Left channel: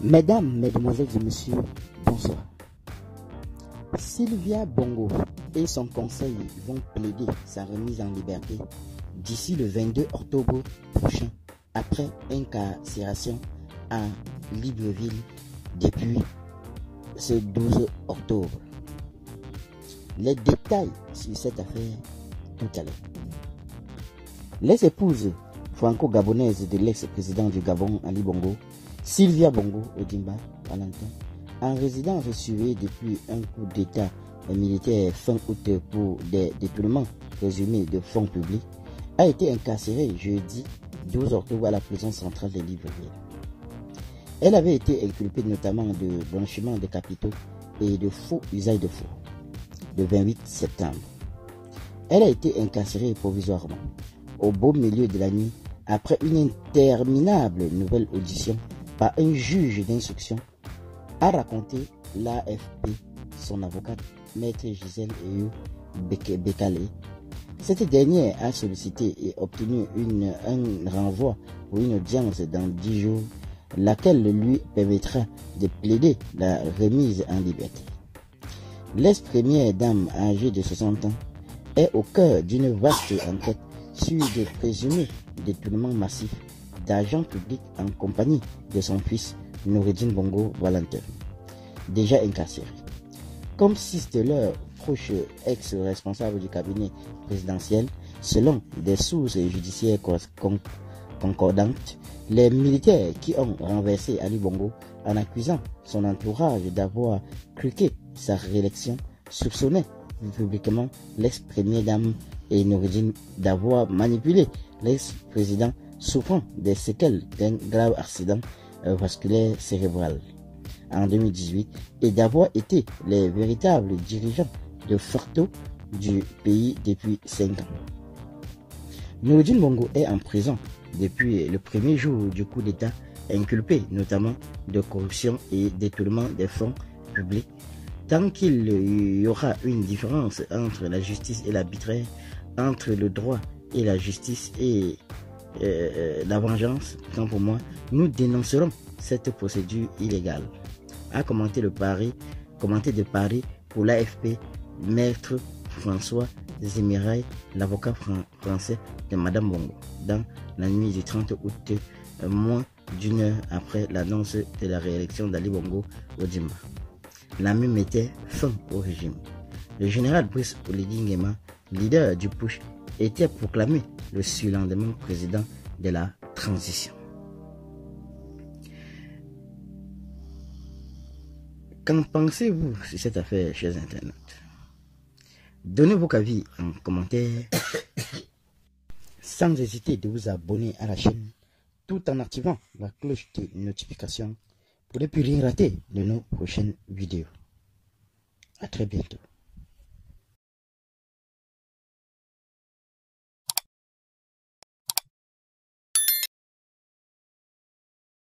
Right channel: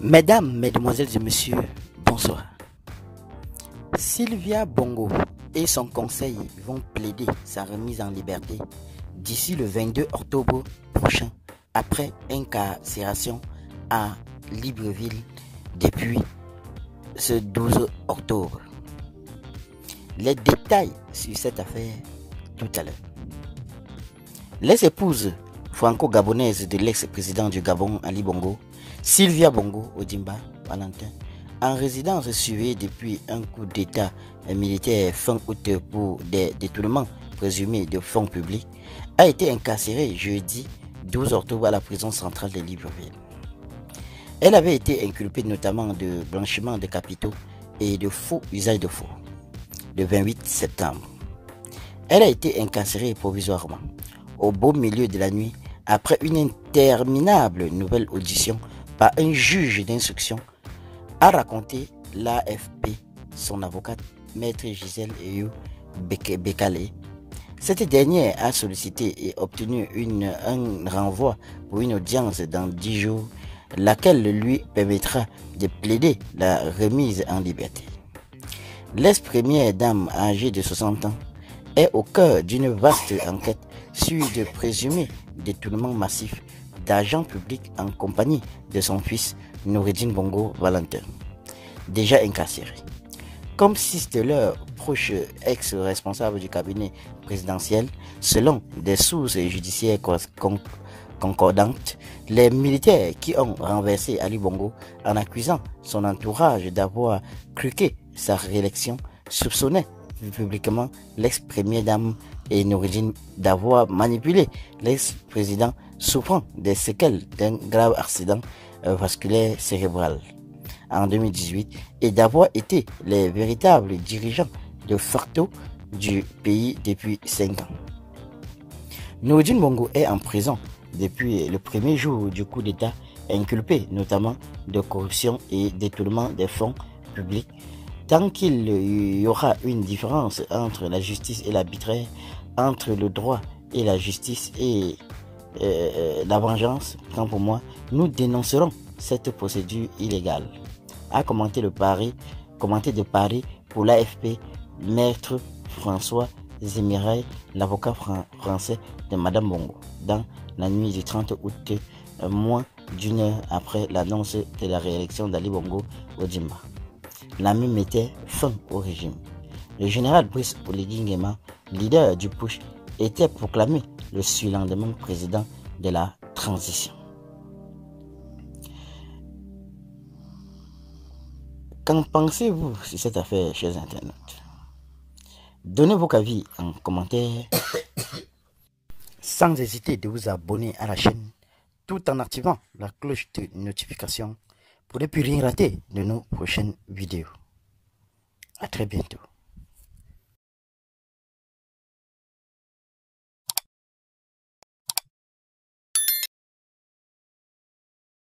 Mesdames, Mesdemoiselles et Messieurs, bonsoir. Sylvia Bongo et son conseil vont plaider sa remise en liberté d'ici le 22 octobre prochain après incarcération à Libreville depuis ce 12 octobre. Les détails sur cette affaire tout à l'heure. Les épouses franco-gabonaises de l'ex-président du Gabon, Ali Bongo, Sylvia Bongo Ondimba Valentin, en résidence surveillée depuis un coup d'état militaire fin août pour des détournements présumés de fonds publics, a été incarcérée jeudi 12 octobre à la prison centrale de Libreville. Elle avait été inculpée notamment de blanchiment de capitaux et de faux usage de faux le 28 septembre. Elle a été incarcérée provisoirement au beau milieu de la nuit après une interminable nouvelle audition par un juge d'instruction, a raconté l'AFP son avocate, maître Gisèle Eyou Bekale. Cette dernière a sollicité et obtenu un renvoi pour une audience dans 10 jours, laquelle lui permettra de plaider la remise en liberté. L'ex-première dame âgée de 60 ans est au cœur d'une vaste enquête sur de présumés détournements massifs d'argent public en compagnie de son fils Noureddine Bongo Valentin, déjà incarcéré. Comme six de leurs proches ex-responsables du cabinet présidentiel, selon des sources judiciaires concordantes, les militaires qui ont renversé Ali Bongo en accusant son entourage d'avoir truqué sa réélection soupçonnaient publiquement l'ex-première dame et Noureddine d'avoir manipulé l'ex-président souffrant des séquelles d'un grave accident vasculaire cérébral en 2018 et d'avoir été les véritables dirigeants de facto du pays depuis 5 ans. Noureddine Bongo est en prison depuis le premier jour du coup d'État, inculpé notamment de corruption et détournement des fonds publics. Tant qu'il y aura une différence entre la justice et l'arbitraire, entre le droit et la justice et la vengeance, tant pour moi, nous dénoncerons cette procédure illégale. A commenté de Paris pour l'AFP, maître François Zemirail, l'avocat français de Madame Bongo, dans la nuit du 30 août, moins d'une heure après l'annonce de la réélection d'Ali Bongo Ondimba. La même mettait fin au régime. Le général Brice Oligui Nguema, leader du push, était proclamé le surlendemain président de la transition. Qu'en pensez-vous sur cette affaire, chers internautes? Donnez vos avis en commentaire sans hésiter de vous abonner à la chaîne tout en activant la cloche de notification pour ne plus rien rater de nos prochaines vidéos. À très bientôt.